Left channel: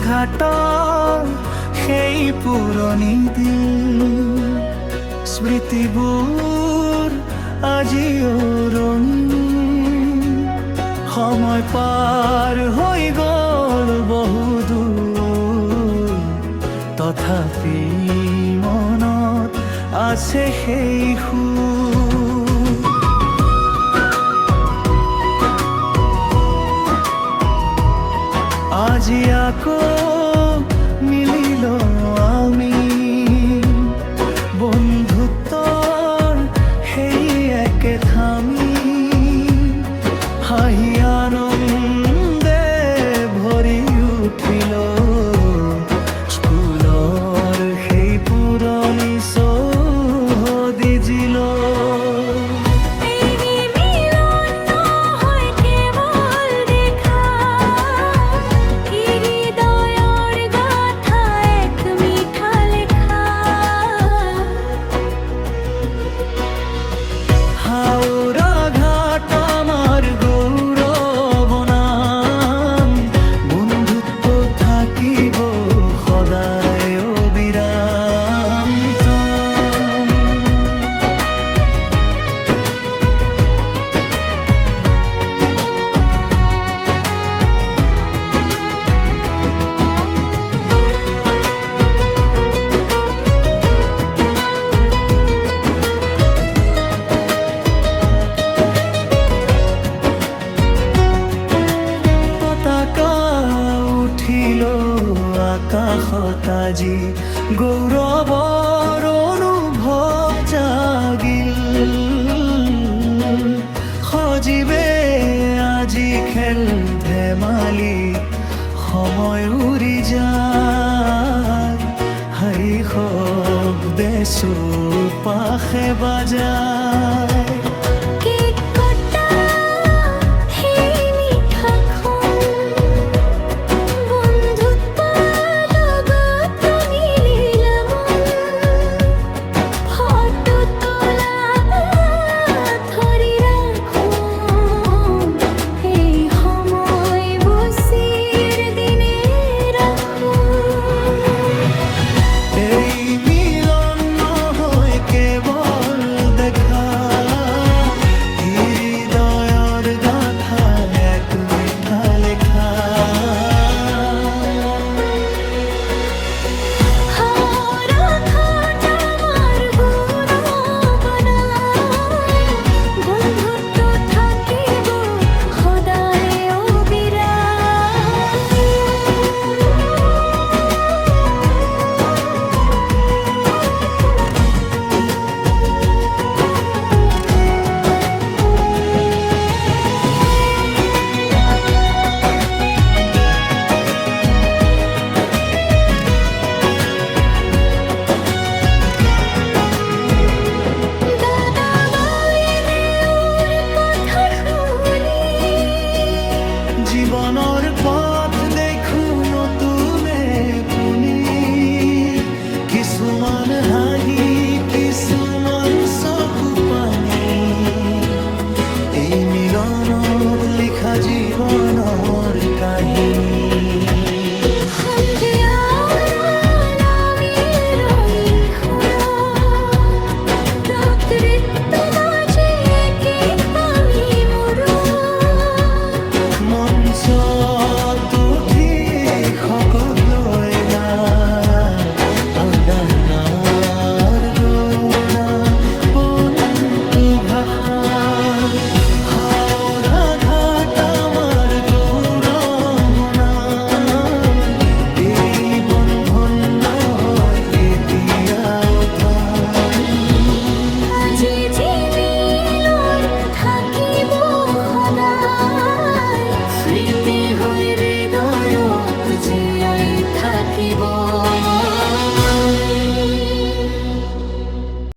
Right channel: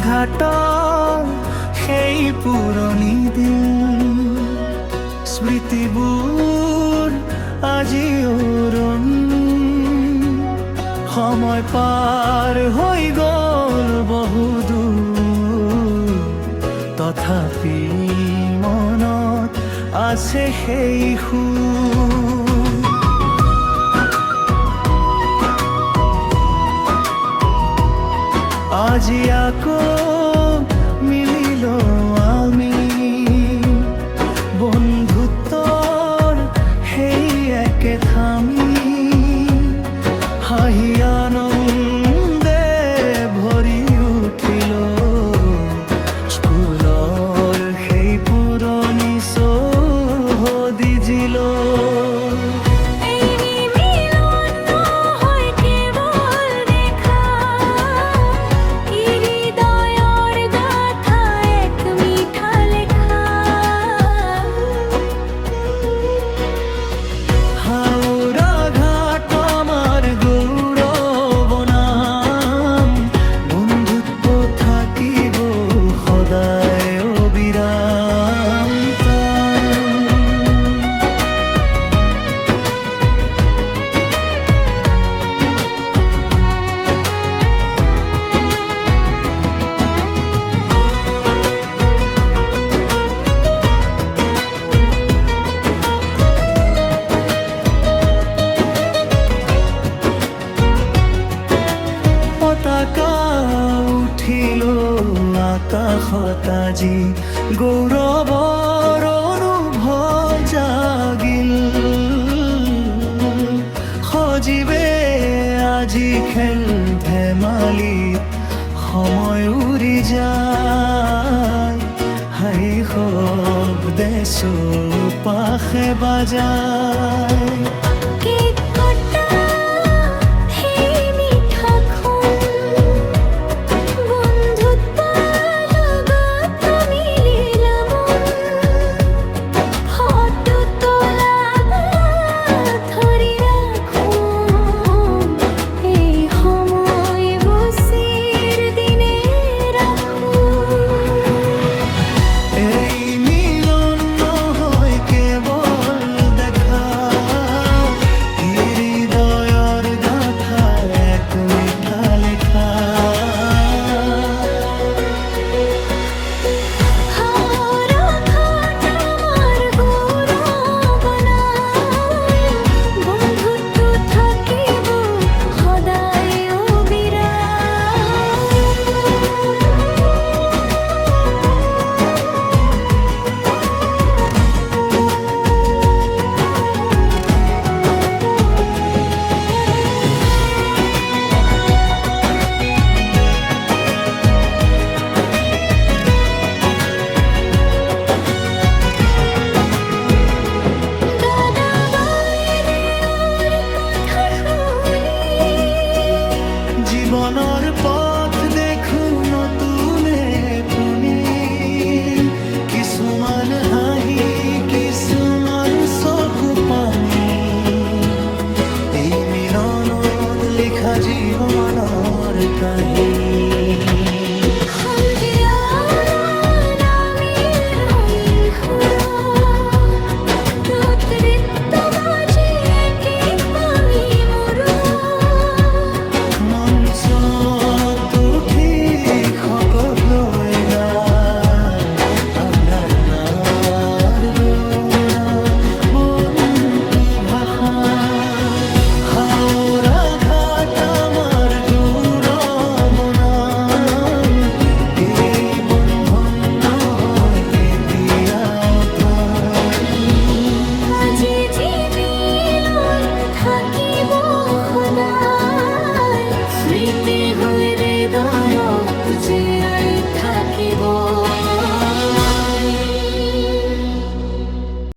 ঘাট সেই পুৰণি দিন স্মৃতিবোৰ আজিও ৰঙীন সময় পাৰ হৈ গ'ল বহুদূৰ তথাপি মনত আছে সেই সুৰ আজি আকৌ মিলিলো আমি বন্ধুত্বৰ সেই একে থামি হাঁহি আনন্দে ভৰি উঠিল স্কুলৰ সেই পুৰণি চৌহদি জিল হাওৰা ঘাট আমাৰ গৌৰৱ নাম বন্ধুত্ব থাকিব সদায় অবিৰাম পতাকা উঠিল আকাশত আজি গৌৰৱৰ অনুভৱ জাগিল সজীৱে আজি খেল ধেমালিত সময় উৰি যায় হাঁহি শব্দে চৌপাশে বাজায় এই মিলন নহয় কেৱল দেখা হৃদয়ৰ গাথা এক মিঠা লেখা জীৱনৰ পথ দেখো নতুনে পুনি কিছুমান হাঁহি কিছুমান চকু পানী এই মিলনত লিখা জীৱনৰ কাহিনী মঞ্চত উঠি সকলোৱে গানাৰ গৌৰনাম বন্ধু ভাষা হাওৰা ঘাট আমাৰ গৌৰৱ নাম এই বন্ধন নহয় কেতিয়াও আজি মিলন থাকিব সদায় স্মৃতি হৈ হৃদয়ত জীয়াই থাকিব